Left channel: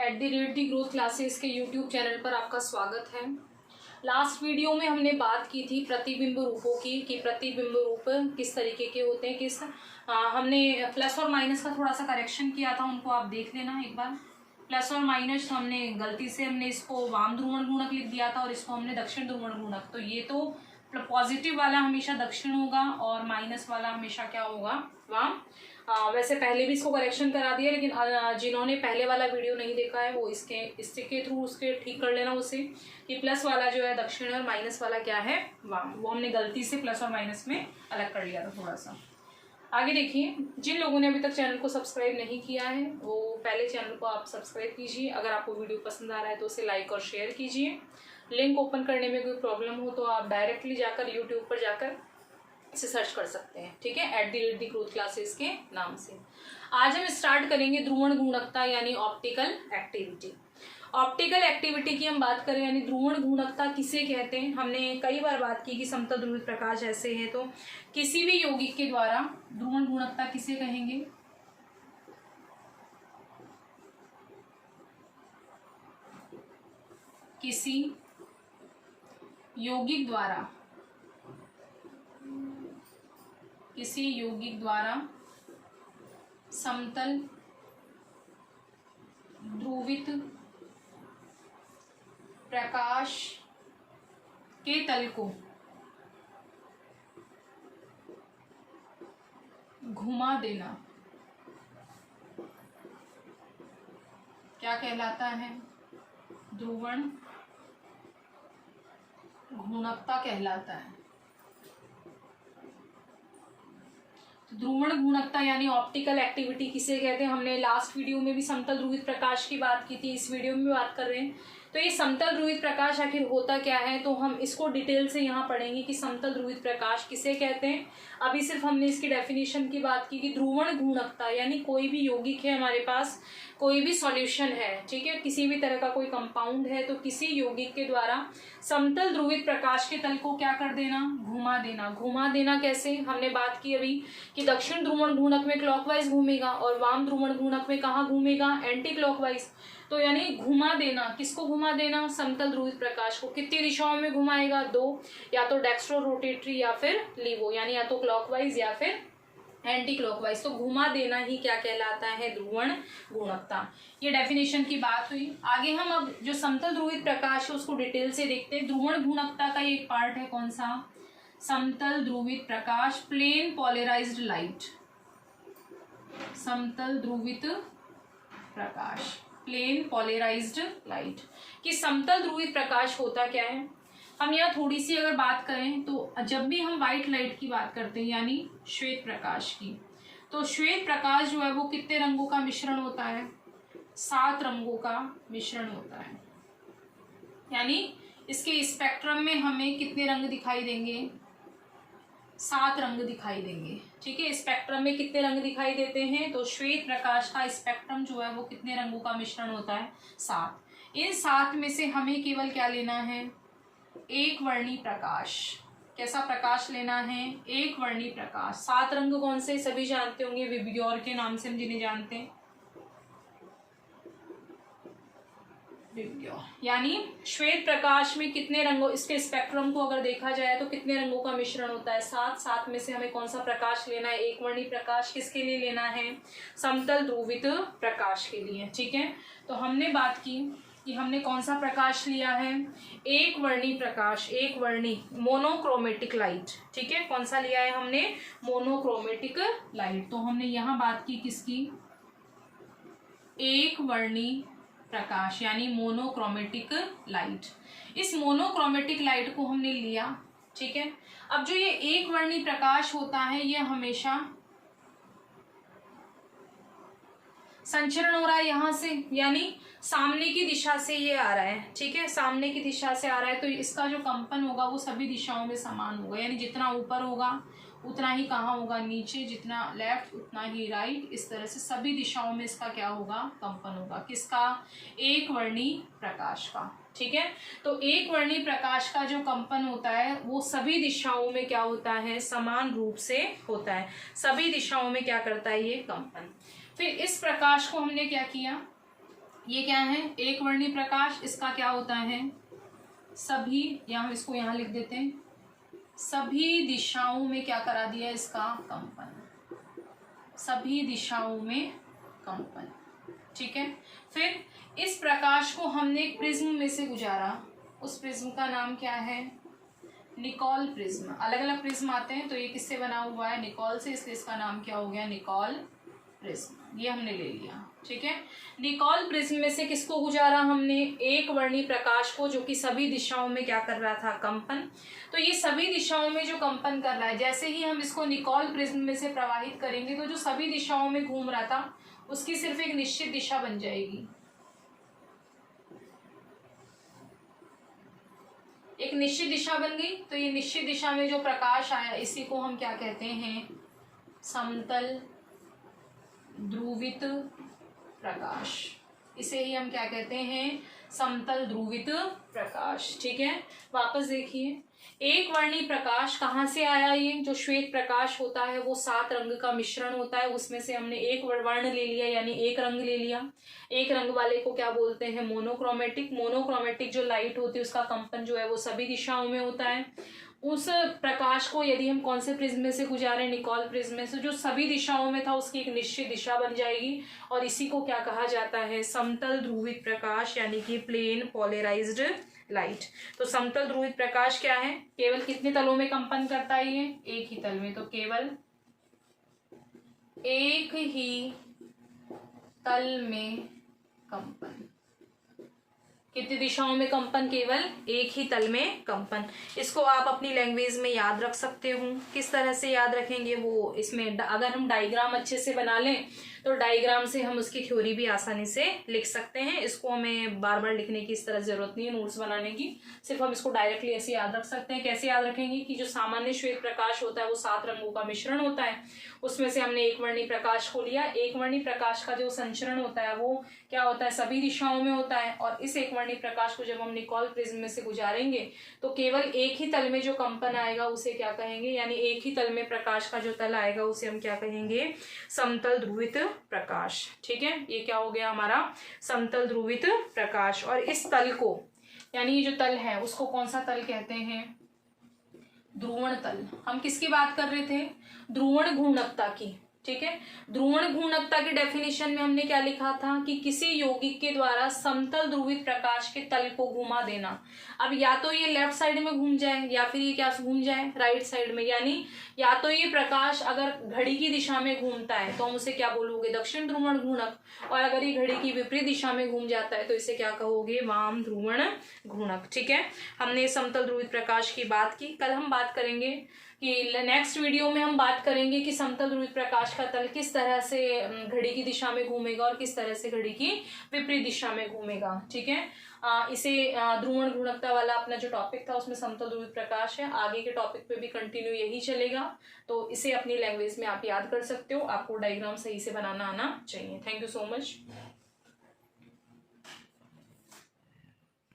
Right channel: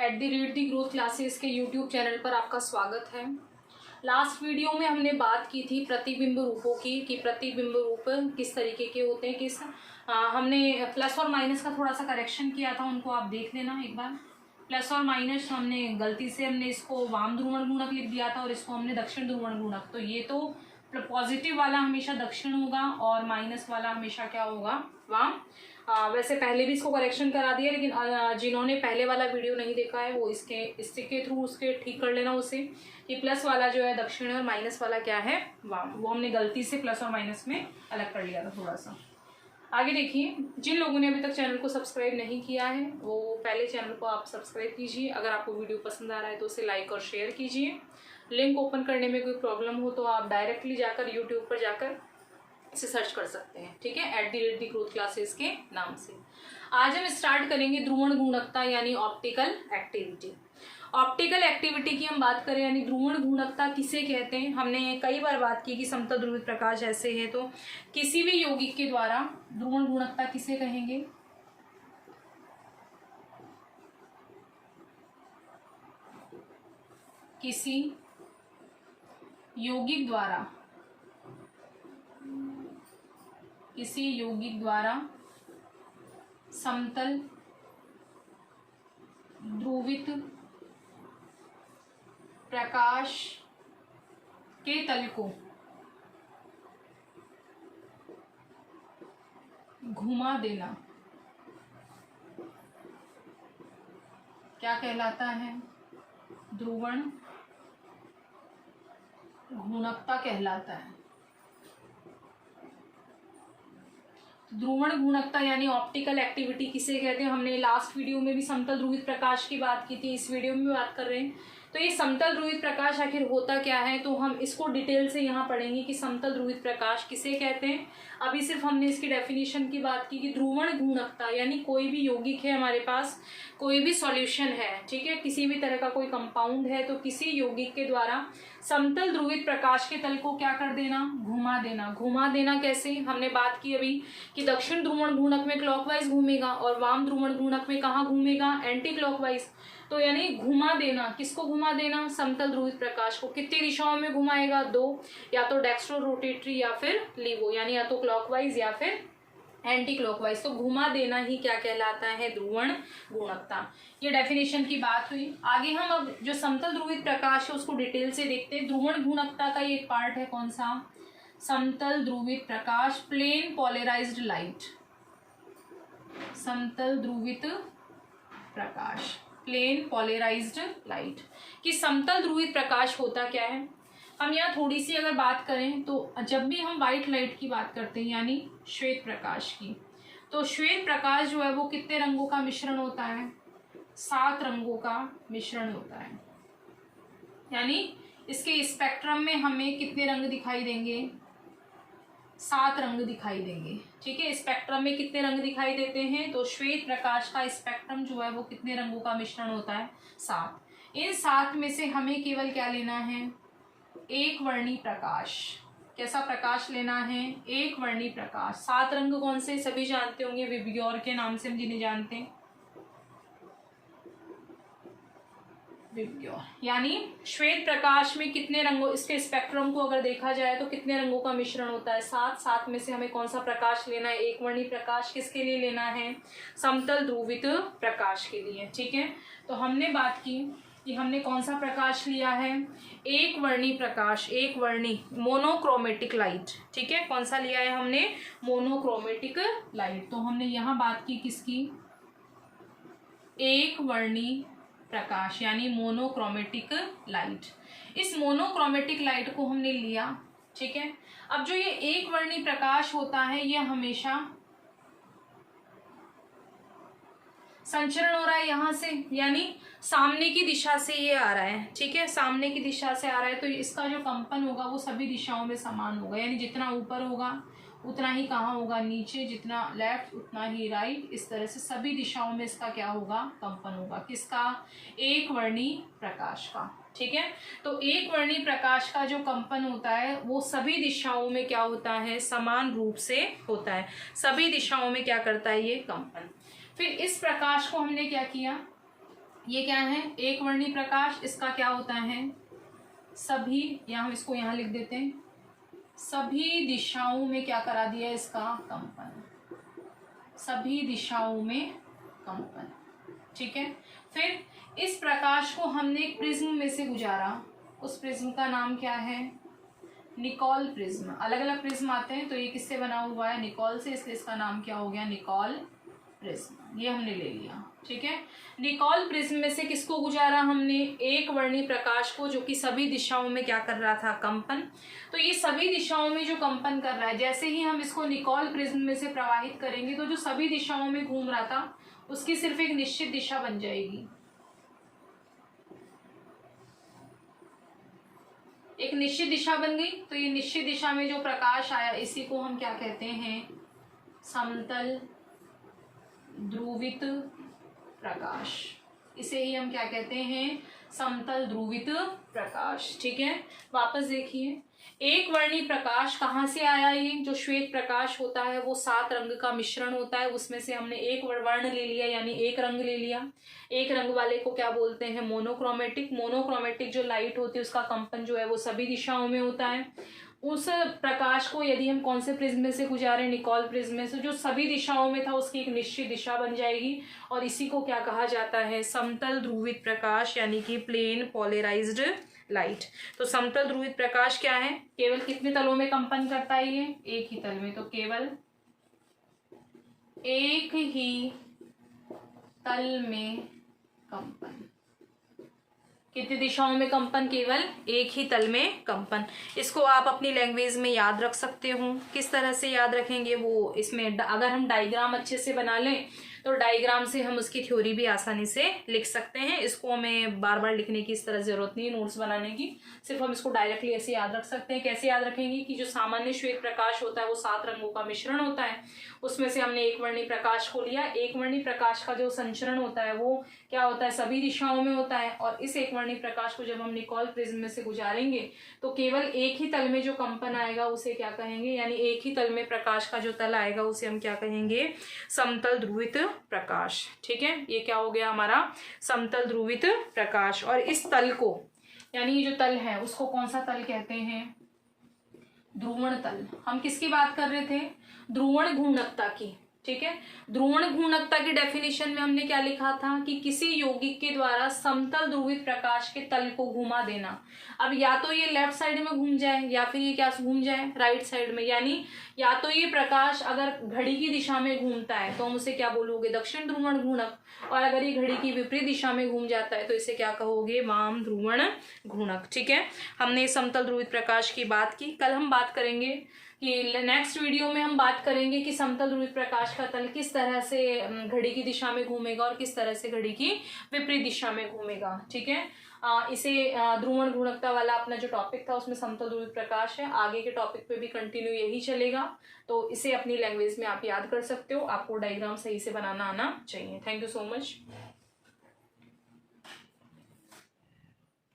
@Growth classes के YouTube channel पर आपका स्वागत है। लास्ट वीडियो में हमने बात की थी प्रतिबिंब रूपों की कि प्रतिबिंब रूप किस तरीके के होते हैं, हमने प्लस और माइनस का थोड़ा सा करेक्शन किया था, उनको आप देख लेना एक बार। प्लस और माइनस हमने गलती से इसको वाम ध्रुवण गुणक लिख दिया था और इसको हमने दक्षिण ध्रुवण गुणक। तो ये तो पॉजिटिव वाला हमेशा दक्षिण होगा और माइनस वाला हमेशा क्या होगा, वाम। वैसे पहले भी इसको करेक्शन करा दिया, लेकिन जिन्होंने पहले वाला वीडियो नहीं देखा है वो इसके थ्रू उसके ठीक कर लेना उसे, कि प्लस वाला जो है दक्षिण और माइनस वाला क्या है, वाम। वो हमने गलती से प्लस और माइनस में अलग कर लिया था थोड़ा सा। आगे देखिए, जिन लोगों ने अभी तक चैनल को सब्सक्राइब नहीं किया है वो पहले चैनल को आप सब्सक्राइब कीजिए। अगर आपको वीडियो पसंद आ रहा है तो उसे लाइक और शेयर कीजिए। लिंक ओपन करने में कोई प्रॉब्लम हो तो आप डायरेक्टली जाकर यूट्यूब पर जाकर इसे सर्च कर सकते हैं, ठीक है, @ग्रोथ क्लासेस के नाम से। आज हम स्टार्ट करेंगे ध्रुवण गुणकता यानी ऑप्टिकल एक्टिविटी। ऑप्टिकल एक्टिविटी की हम बात करें यानी ध्रुवण गुणकता किसे कहते हैं। हमने कई बार बात की कि समतल ध्रुवित प्रकाश ऐसे है, तो किसी भी यौगिक के द्वारा ध्रुवण गुणकता किसे कहेंगे, किसी यौगिक द्वारा समतल ध्रुवित प्रकाश के तल को घुमा देना क्या कहलाता है, ध्रुवण गुणकता कहलाता है। ध्रुवण गुणकता यानी ऑप्टिकल एक्टिविटी किसे कहते हैं। हमने लास्ट वीडियो में भी समतल ध्रुवित प्रकाश की बात की थी, इस वीडियो में भी बात कर रहे हैं। तो ये समतल ध्रुवित प्रकाश आखिर होता क्या है, तो हम इसको डिटेल से यहाँ पढ़ेंगे कि समतल ध्रुवित प्रकाश किसे कहते हैं। अभी सिर्फ हमने इसकी डेफिनेशन की बात की कि ध्रुवण गुणकता यानी कोई भी यौगिक है हमारे पास, कोई भी सॉल्यूशन है, ठीक है, किसी भी तरह का कोई कंपाउंड है, तो किसी यौगिक के द्वारा समतल ध्रुवित प्रकाश के तल को क्या कर देना, घुमा देना। घुमा देना कैसे, हमने बात की अभी कि दक्षिण ध्रुवण गुणक में क्लॉकवाइज घूमेगा और वाम ध्रुवण गुणक में कहाँ घूमेगा, एंटी क्लॉकवाइज। तो यानी घुमा देना, किसको घुमा देना, समतल ध्रुवित प्रकाश को। कितनी दिशाओं में घुमाएगा, दो, या तो डेक्स्ट्रो रोटेटरी या फिर लीवो, यानी या तो क्लॉकवाइज या फिर एंटी क्लॉकवाइज। तो घुमा देना ही क्या कहलाता है, ध्रुवण गुणकता। ये डेफिनेशन की बात हुई। आगे हम अब जो समतल ध्रुवित प्रकाश है उसको डिटेल से देखते हैं। ध्रुवण गुणकता का ये एक पार्ट है, कौन सा, समतल ध्रुवित प्रकाश, प्लेन पोलराइज्ड लाइट। समतल ध्रुवित प्रकाश, प्लेन पोलराइज्ड लाइट। कि समतल ध्रुवित प्रकाश होता क्या है। हम यहाँ थोड़ी सी अगर बात करें तो जब भी हम व्हाइट लाइट की बात करते हैं यानी श्वेत प्रकाश की, तो श्वेत प्रकाश जो है वो कितने रंगों का मिश्रण होता है, 7 रंगों का मिश्रण होता है। यानी इसके स्पेक्ट्रम में हमें कितने रंग दिखाई देंगे, 7 रंग दिखाई देंगे, ठीक है। स्पेक्ट्रम में कितने रंग दिखाई देते हैं, तो श्वेत प्रकाश का स्पेक्ट्रम जो है वो कितने रंगों का मिश्रण होता है, 7। इन 7 में से हमें केवल क्या लेना है, एक वर्णी प्रकाश। कैसा प्रकाश लेना है, एक वर्णी प्रकाश। 7 रंग कौन से, सभी जानते होंगे, विबग्योर के नाम से हम जिन्हें जानते हैं, विबग्योर। यानी श्वेत प्रकाश में कितने रंगों, इसके स्पेक्ट्रम को अगर देखा जाए तो कितने रंगों का मिश्रण होता है, 7। 7 में से हमें कौन सा प्रकाश लेना है, एक वर्णी प्रकाश। किसके लिए लेना है, समतल ध्रुवित प्रकाश के लिए, ठीक है। तो हमने बात की कि हमने कौन सा प्रकाश लिया है, एक वर्णी प्रकाश, एक वर्णी, मोनोक्रोमेटिक लाइट, ठीक है। कौन सा लिया है हमने, मोनोक्रोमेटिक लाइट। तो हमने यहाँ बात की किसकी, एक वर्णी प्रकाश यानी मोनोक्रोमेटिक लाइट। इस मोनोक्रोमेटिक लाइट को हमने लिया, ठीक है। अब जो ये एक वर्णी प्रकाश होता है ये हमेशा संचरण हो रहा है यहाँ से, यानी सामने की दिशा से ये आ रहा है, ठीक है, सामने की दिशा से आ रहा है। तो इसका जो कंपन होगा वो सभी दिशाओं में समान होगा, यानी जितना ऊपर होगा उतना ही कहाँ होगा, नीचे, जितना लेफ्ट उतना ही राइट। इस तरह से सभी दिशाओं में इसका क्या होगा, कंपन होगा। किसका, एक वर्णी प्रकाश का, ठीक है। तो एक वर्णी प्रकाश का जो कंपन होता है वो सभी दिशाओं में क्या होता है, समान रूप से होता है। सभी दिशाओं में क्या करता है ये कंपन। फिर इस प्रकाश को हमने क्या किया, ये क्या है, एक वर्णी प्रकाश, इसका क्या होता है, सभी, यहाँ इसको यहाँ लिख देते हैं, सभी दिशाओं में क्या करा दिया, इसका कंपन, सभी दिशाओं में कंपन। ठीक है, फिर इस प्रकाश को हमने एक प्रिज्म में से गुजारा, उस प्रिज्म का नाम क्या है, निकोल प्रिज्म। अलग अलग प्रिज्म आते हैं, तो ये किससे बना हुआ है, निकोल से, इसलिए इसका नाम क्या हो गया, निकोल प्रिज्म। ये हमने ले लिया। ठीक है, निकोल प्रिज्म में से किसको गुजारा हमने, एक वर्णी प्रकाश को, जो कि सभी दिशाओं में क्या कर रहा था, कंपन। तो ये सभी दिशाओं में जो कंपन कर रहा है, जैसे ही हम इसको निकोल प्रिज्म में से प्रवाहित करेंगे, तो जो सभी दिशाओं में घूम रहा था उसकी सिर्फ एक निश्चित दिशा बन जाएगी, एक निश्चित दिशा बन गई। तो ये निश्चित दिशा में जो प्रकाश आया, इसी को हम क्या कहते हैं, समतल ध्रुवित प्रकाश। इसे ही हम क्या कहते हैं, समतल ध्रुवित प्रकाश। ठीक है, वापस देखिए, एक वर्णी प्रकाश कहाँ से आया, ये जो श्वेत प्रकाश होता है वो 7 रंग का मिश्रण होता है, उसमें से हमने एक वर्ण ले लिया, यानी एक रंग ले लिया। एक रंग वाले को क्या बोलते हैं, मोनोक्रोमेटिक। मोनोक्रोमेटिक जो लाइट होती है उसका कंपन जो है वो सभी दिशाओं में होता है। उस प्रकाश को यदि हम कौन से प्रिज्म में से गुजारे, निकोल प्रिज्म में से, जो सभी दिशाओं में था उसकी एक निश्चित दिशा बन जाएगी, और इसी को क्या कहा जाता है, समतल ध्रुवित प्रकाश, यानी कि प्लेन पोलराइज्ड लाइट। तो समतल ध्रुवित प्रकाश क्या है, केवल कितने तलों में कंपन करता है, ये एक ही तल में। तो केवल एक ही तल में कंपन, कितनी दिशाओं में कंपन, केवल एक ही तल में कंपन। इसको आप अपनी लैंग्वेज में याद रख सकते हो। किस तरह से याद रखेंगे वो, इसमें अगर हम डायग्राम अच्छे से बना लें तो डायग्राम से हम उसकी थ्योरी भी आसानी से लिख सकते हैं। इसको हमें बार बार लिखने की इस तरह जरूरत नहीं है नोट्स बनाने की, सिर्फ हम इसको डायरेक्टली ऐसे याद रख सकते हैं। कैसे याद रखेंगे कि जो सामान्य श्वेत प्रकाश होता है वो 7 रंगों का मिश्रण होता है, उसमें से हमने एक वर्णी प्रकाश को लिया। एक वर्णी प्रकाश का जो संचरण होता है वो क्या होता है, सभी दिशाओं में होता है, और इस एक वर्णी प्रकाश को जब हम निकोल प्रिज्म में से गुजारेंगे तो केवल एक ही तल में जो कंपन आएगा उसे क्या कहेंगे, यानी एक ही तल में प्रकाश का जो तल आएगा उसे हम क्या कहेंगे, समतल ध्रुवित प्रकाश। ठीक है, ये क्या हो गया हमारा, समतल ध्रुवित प्रकाश। और इस तल को, यानी ये जो तल है उसको कौन सा तल कहते हैं, ध्रुवण तल। हम किसकी बात कर रहे थे, ध्रुवण घूर्णकता की। ठीक है, ध्रुवण घूर्णकता की डेफिनेशन में हमने क्या लिखा था कि किसी यौगिक के द्वारा समतल ध्रुवित प्रकाश के तल को घुमा देना। अब या तो ये लेफ्ट साइड में घूम जाए या फिर ये क्या घूम जाए, राइट साइड में, यानी या तो ये प्रकाश अगर घड़ी की दिशा में घूमता है तो हम उसे क्या बोलोगे, दक्षिण ध्रुवण घूर्णक, और अगर ये घड़ी की विपरीत दिशा में घूम जाता है तो इसे क्या कहोगे, वाम ध्रुवण घूर्णक। ठीक है, हमने समतल ध्रुवित प्रकाश की बात की। कल हम बात करेंगे कि नेक्स्ट वीडियो में हम बात करेंगे कि समतल ध्रुवित प्रकाश का तल किस तरह से घड़ी की दिशा में घूमेगा और किस तरह से घड़ी की विपरीत दिशा में घूमेगा। ठीक है, इसे ध्रुवण घूर्णकता वाला अपना जो टॉपिक था उसमें समतल ध्रुवित प्रकाश है, आगे के टॉपिक पे भी कंटिन्यू यही चलेगा। तो इसे अपनी लैंग्वेज में आप याद कर सकते हो, आपको डायग्राम सही से बनाना आना चाहिए। Thank you so much.